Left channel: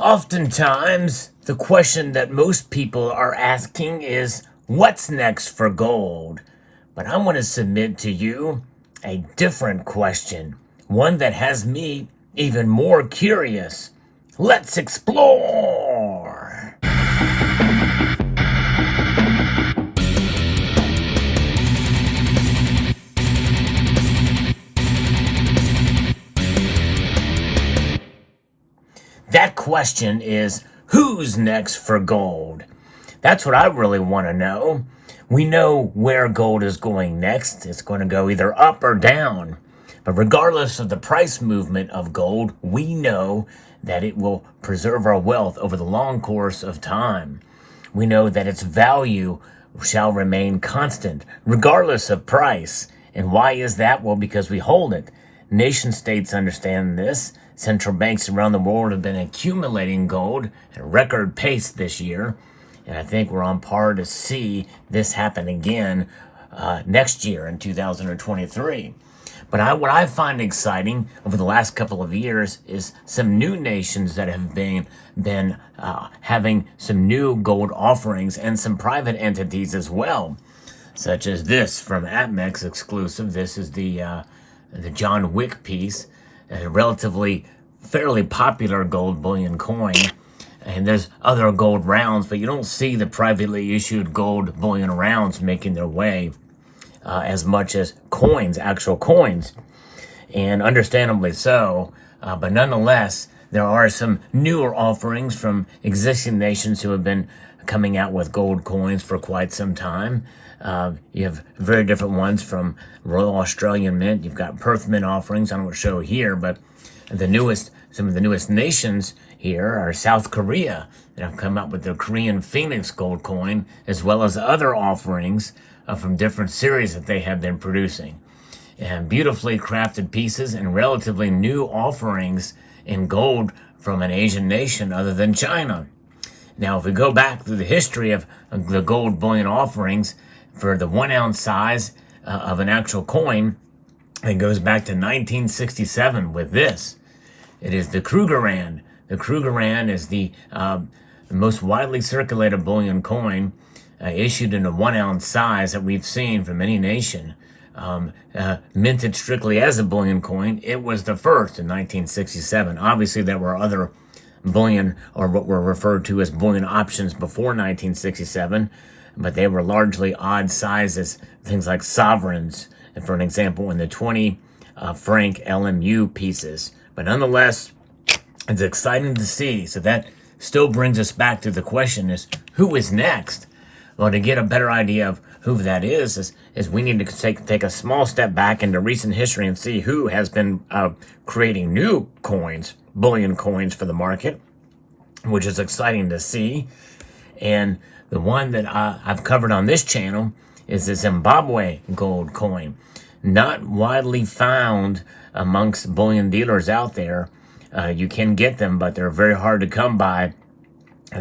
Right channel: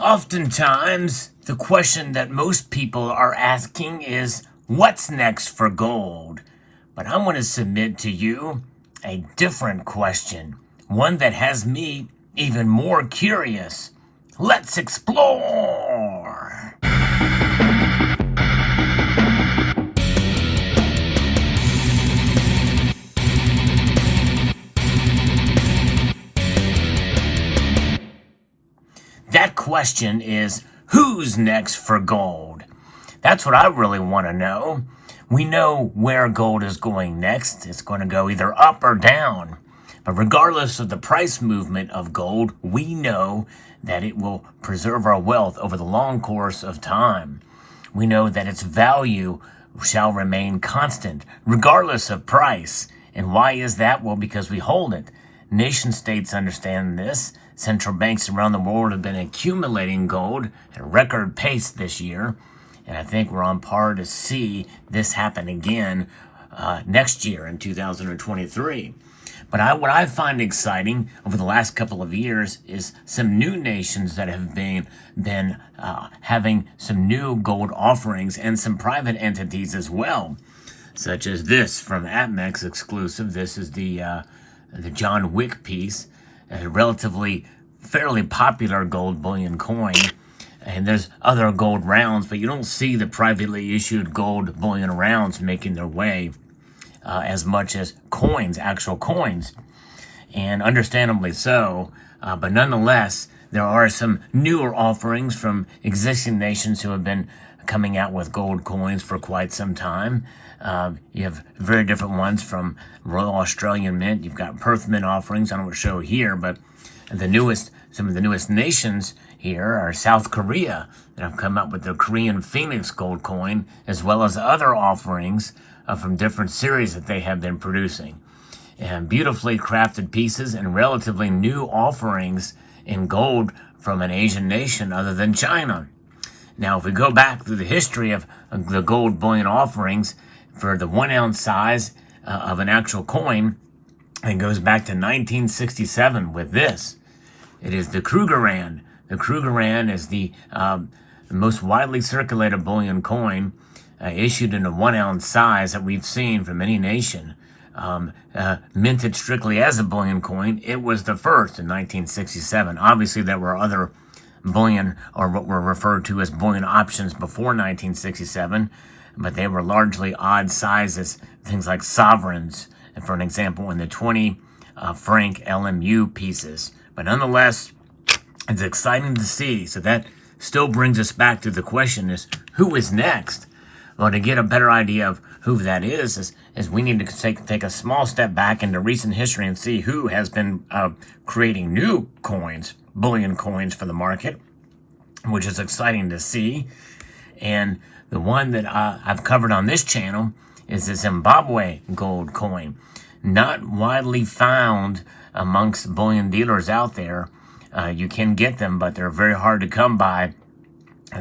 Oftentimes, the question that most people are asking is, what's next for gold? But I want to submit to you a different question, one that has me even more curious. Let's explore! That question is, who's next for gold? That's what I really want to know. We know where gold is going next. It's going to go either up or down. But regardless of the price movement of gold, we know that it will preserve our wealth over the long course of time. We know that its value shall remain constant, regardless of price. And why is that? Well, because we hold it. Nation states understand this. Central banks around the world have been accumulating gold at a record pace this year. And I think we're on par to see this happen again next year in 2023. But what I find exciting over the last couple of years is some new nations that have been having some new gold offerings and some private entities as well, such as this from APMEX exclusive. This is the John Wick piece, a relatively fairly popular gold bullion coin. And there's other gold rounds, but you don't see the privately issued gold bullion rounds making their way as much as coins, actual coins, and understandably so. But nonetheless, there are some newer offerings from existing nations who have been coming out with gold coins for quite some time. You have very different ones from Royal Australian Mint. You've got Perth Mint offerings. I don't show here, but some of the newest nations here are South Korea that have come up with the Korean Phoenix gold coin, as well as other offerings from different series that they have been producing. And beautifully crafted pieces and relatively new offerings in gold from an Asian nation other than China. Now, if we go back through the history of the gold bullion offerings for the 1 ounce size of an actual coin, it goes back to 1967 with this. It is the Krugerrand. The Krugerrand is the most widely circulated bullion coin issued in a 1 ounce size that we've seen from any nation. Minted strictly as a bullion coin, it was the first in 1967. Obviously, there were other bullion, or what were referred to as bullion options before 1967, but they were largely odd sizes, things like sovereigns, for an example, in the 20 franc LMU pieces. But nonetheless, it's exciting to see. So that still brings us back to the question is, who is next? Well, to get a better idea of who that is we need to take a small step back into recent history and see who has been creating new coins, bullion coins for the market, which is exciting to see. And the one that I've covered on this channel is the Zimbabwe gold coin. Not widely found amongst bullion dealers out there. You can get them, but they're very hard to come by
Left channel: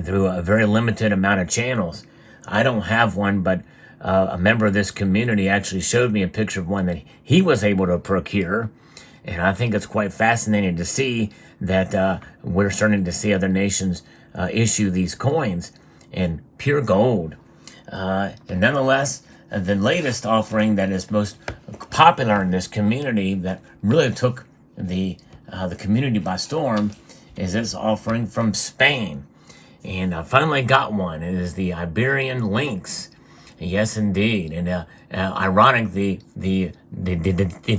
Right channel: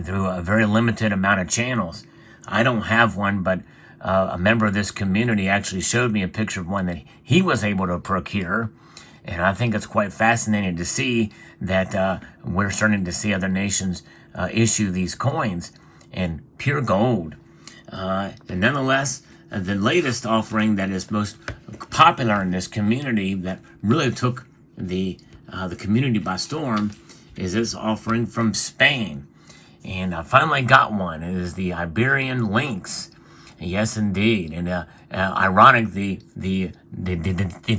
through a very limited amount of channels. I don't have one, but a member of this community actually showed me a picture of one that he was able to procure. And I think it's quite fascinating to see that we're starting to see other nations issue these coins in pure gold. And nonetheless, the latest offering that is most popular in this community that really took the community by storm is this offering from Spain. And I finally got one. It is the Iberian lynx. Yes, indeed. And ironic, the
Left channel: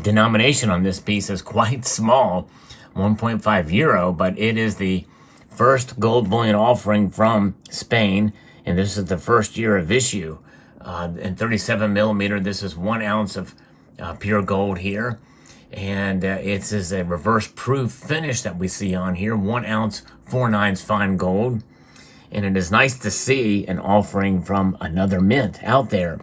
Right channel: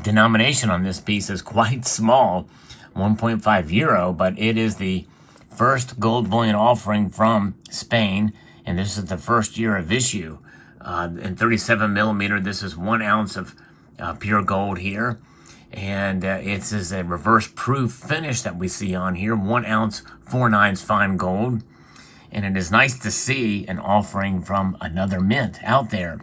denomination on this piece is quite small, 1.5 euro, but it is the first gold bullion offering from Spain, and this is the first year of issue. In 37 millimeter, this is 1 ounce of pure gold here. And it's a reverse proof finish that we see on here, 1 ounce 4/9 fine gold. And it is nice to see an offering from another mint out there.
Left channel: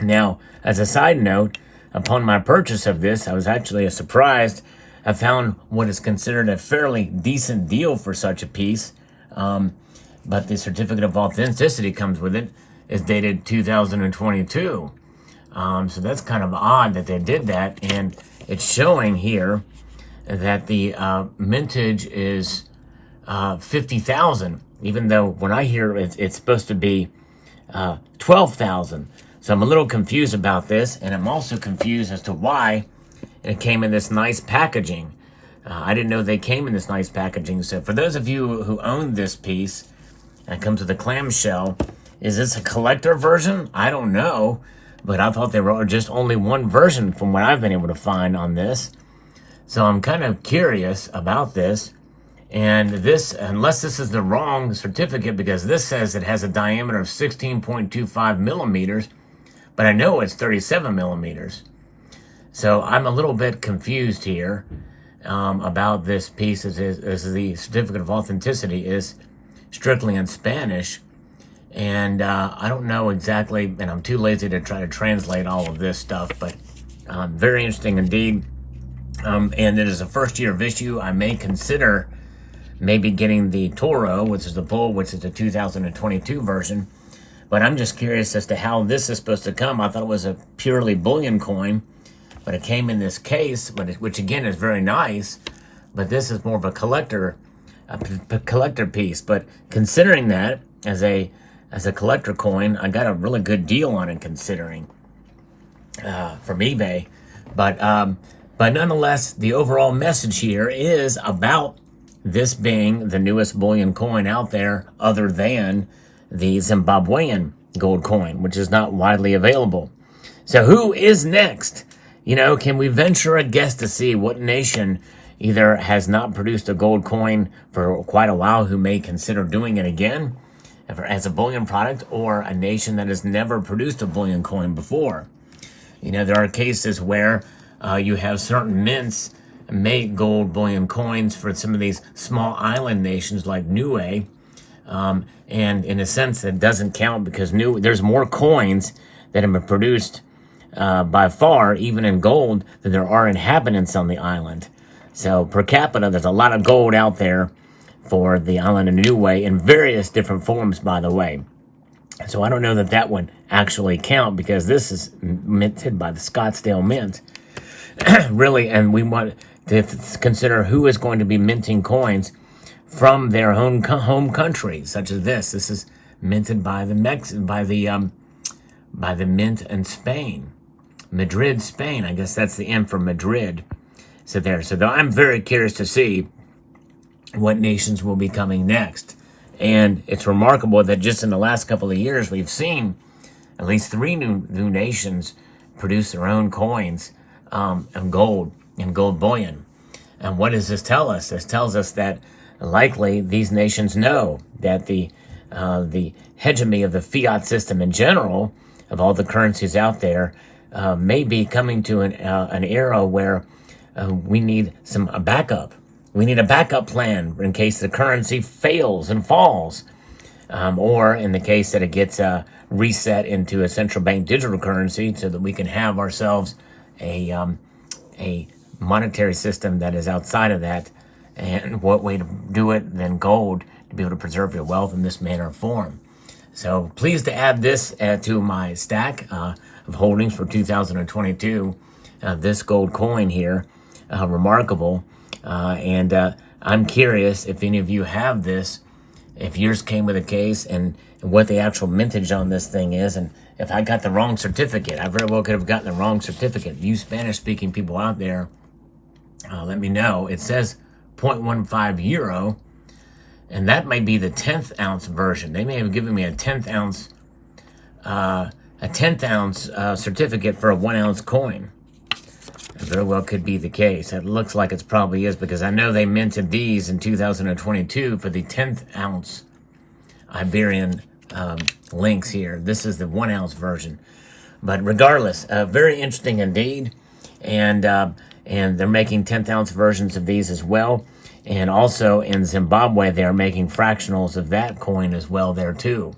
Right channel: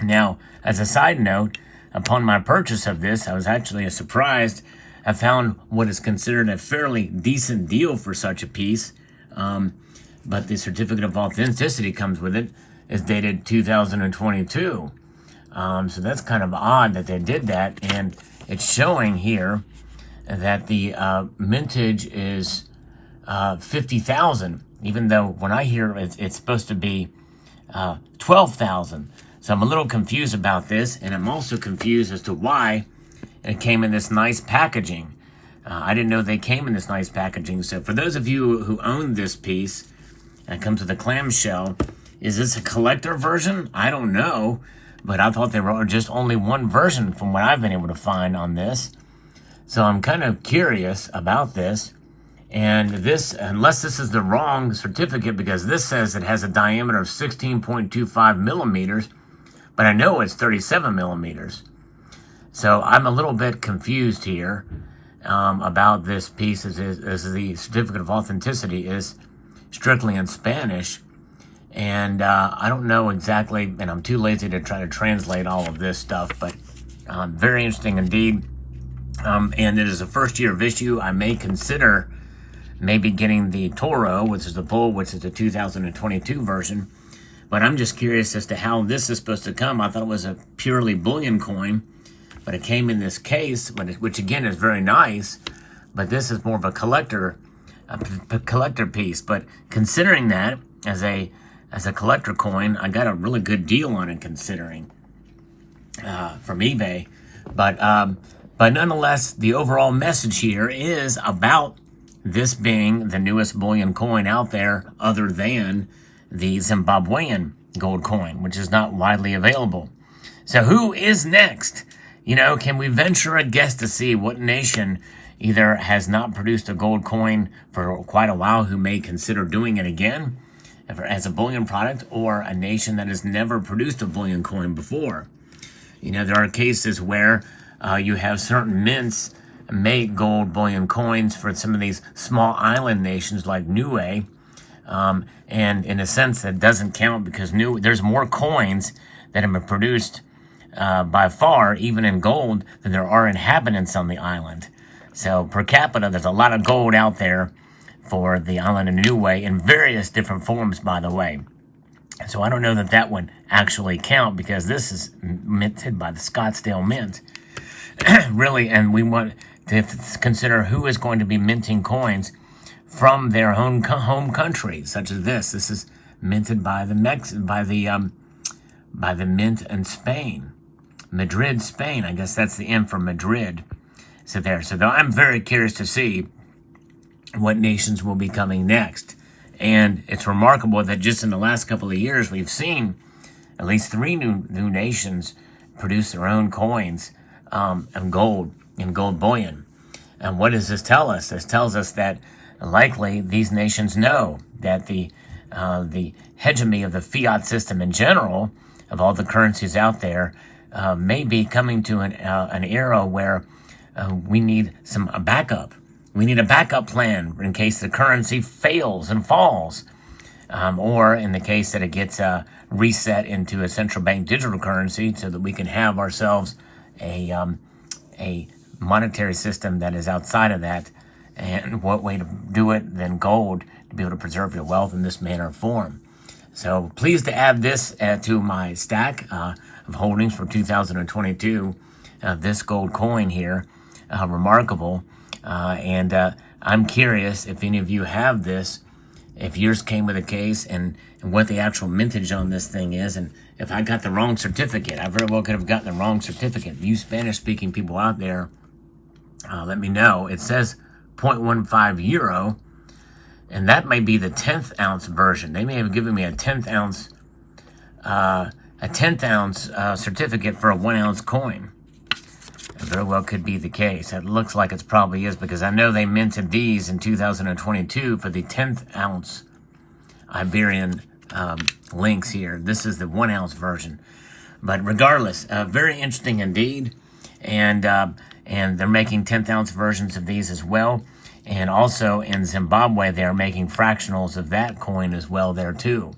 Now, as a side note, upon my purchase of this, I was actually surprised. I found what is considered a fairly decent deal for such a piece. But the certificate of authenticity comes with it. It's dated 2022. So that's kind of odd that they did that. And it's showing here that the mintage is 50,000, even though when I hear it's supposed to be 12,000. So I'm a little confused about this, and I'm also confused as to why it came in this nice packaging. I didn't know they came in this nice packaging. So for those of you who own this piece, and it comes with a clamshell, is this a collector version? I don't know, but I thought there were just only one version from what I've been able to find on this. So I'm kind of curious about this. And this, unless this is the wrong certificate, because this says it has a diameter of 16.25 millimeters, but I know it's 37 millimeters. So I'm a little bit confused here about this piece, as the certificate of authenticity is strictly in Spanish. And I don't know exactly, and I'm too lazy to try to translate all of this stuff, but very interesting indeed. And it is a first-year of issue. I may consider maybe getting the Toro, which is the bull, which is the 2022 version. But I'm just curious as to how this is supposed to come. I thought it was a purely bullion coin, but it came in this case, which again is very nice. But this is more of a collector piece. But considering that as a collector coin, I got a really good deal on it considering from eBay. But nonetheless, the overall message here is about this being the newest bullion coin out there, other than the Zimbabwean gold coin, which is not widely available. So who is next? You know, can we venture a guess to see what nation either has not produced a gold coin for quite a while, who may consider doing it again as a bullion product, or a nation that has never produced a bullion coin before? You know, there are cases where you have certain mints make gold bullion coins for some of these small island nations like Niue. And in a sense, that doesn't count because there's more coins that have been produced by far, even in gold, than there are inhabitants on the island. So per capita, there's a lot of gold out there for the island of Niue in various different forms, by the way. So I don't know that that would actually count, because this is minted by the Scottsdale Mint. Really, and we want to consider who is going to be minting coins from their home country, such as this. This is minted by the mint in Spain, Madrid, Spain. I guess that's the M for Madrid. So I'm very curious to see what nations will be coming next. And it's remarkable that just in the last couple of years, we've seen at least 3 new nations produce their own coins in gold bullion. And what does this tell us? This tells us that likely these nations know that the hegemony of the fiat system in general, of all the currencies out there, may be coming to an era where we need a backup. We need a backup plan in case the currency fails and falls, or in the case that it gets reset into a central bank digital currency, so that we can have ourselves a monetary system that is outside of that. And what way to do it than gold to be able to preserve your wealth in this manner or form. So pleased to add this to my stack of holdings for 2022. This gold coin here, remarkable. And I'm curious if any of you have this, if yours came with a case, and what the actual mintage on this thing is. And if I got the wrong certificate, I very well could have gotten the wrong certificate. You Spanish-speaking people out there, let me know. It says 0.15 euro, and that may be the 10th ounce version. They may have given me a 10th ounce certificate for a 1 ounce coin. It very well could be the case. It looks like it probably is, because I know they minted these in 2022 for the 10th ounce Iberian lynx here. This is the 1 ounce version. But regardless, very interesting indeed. And they're making 10th ounce versions of these as well. And also in Zimbabwe, they are making fractionals of that coin as well there too.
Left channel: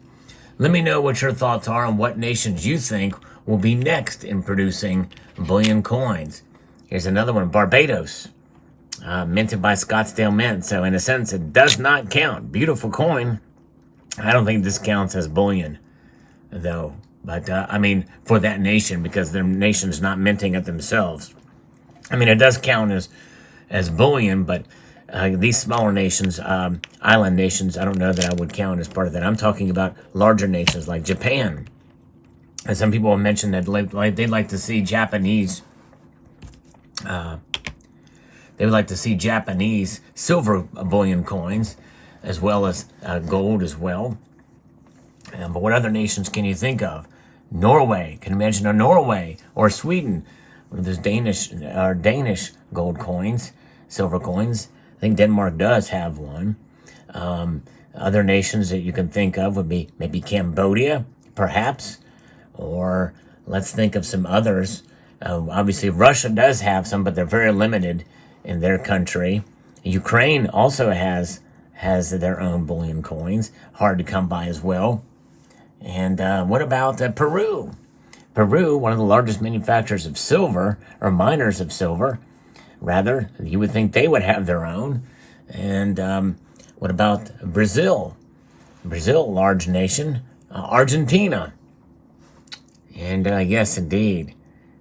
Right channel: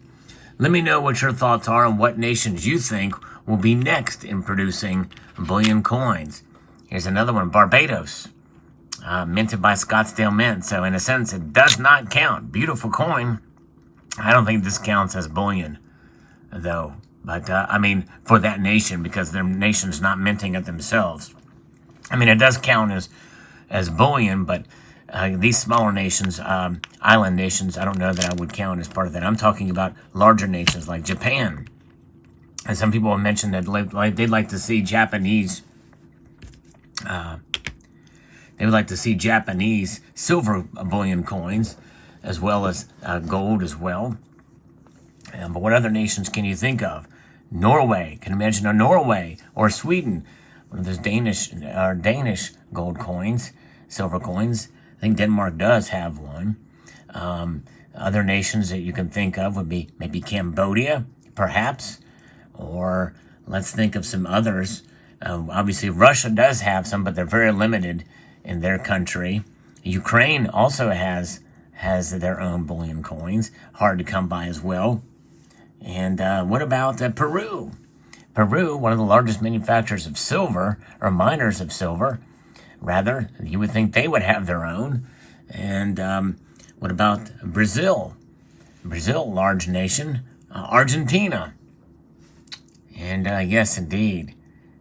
Let me know what your thoughts are on what nations you think will be next in producing bullion coins. Here's another one, Barbados, minted by Scottsdale Mint. So in a sense, it does not count. Beautiful coin. I don't think this counts as bullion, though. But, I mean, for that nation, because their nation's not minting it themselves. I mean, it does count as bullion, but these smaller nations, island nations, I don't know that I would count as part of that. I'm talking about larger nations like Japan. And some people have mentioned that they'd like to see Japanese, they would like to see Japanese silver bullion coins, as well as gold as well. But what other nations can you think of? Norway. Can you imagine a Norway or Sweden? There's Danish gold coins, silver coins. I think Denmark does have one. Other nations that you can think of would be maybe Cambodia, perhaps. Or let's think of some others. Obviously, Russia does have some, but they're very limited in their country. Ukraine also has their own bullion coins, hard to come by as well. And what about Peru? Peru, one of the largest manufacturers of silver, or miners of silver, rather, you would think they would have their own. And what about Brazil? Brazil, large nation. Argentina. And yes, indeed.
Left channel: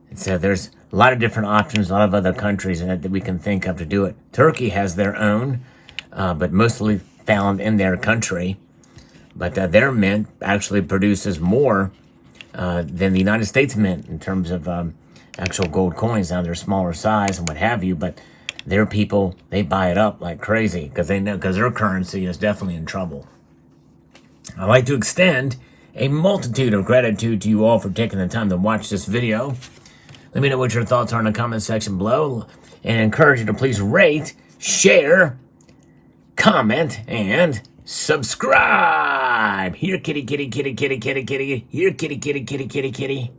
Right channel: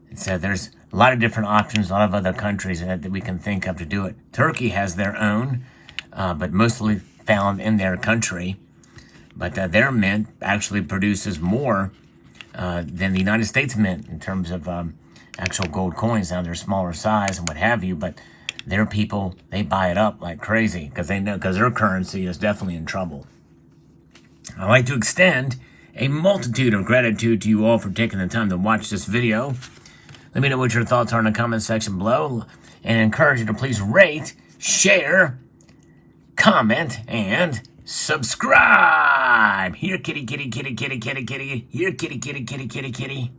There's a lot of different options, a lot of other countries that we can think of to do it. Turkey has their own, but mostly found in their country. But their mint actually produces more than the United States mint in terms of actual gold coins. Now they're smaller size and what have you, but their people, they buy it up like crazy because they know, because their currency is definitely in trouble. I'd like to extend a multitude of gratitude to you all for taking the time to watch this video. Let me know what your thoughts are in the comment section below, and I encourage you to please rate, share, comment, and subscribe. Here, kitty, kitty, kitty, kitty, kitty, kitty. Here, kitty, kitty, kitty, kitty, kitty.